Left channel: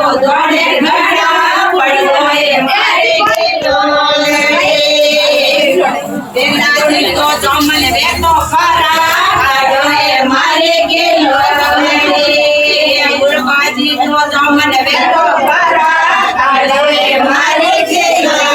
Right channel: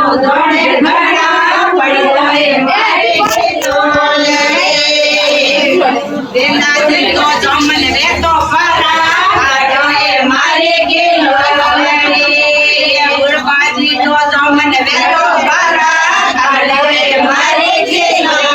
જોડે ઘણા પડ્યો એ મારી કિલોલ દેનાથી તો જમન વેતો ફરા આડો એ મારી કિલોલ ગુરબાજી તો જમન વેતો ફરા આડો એ મારી કિલોલ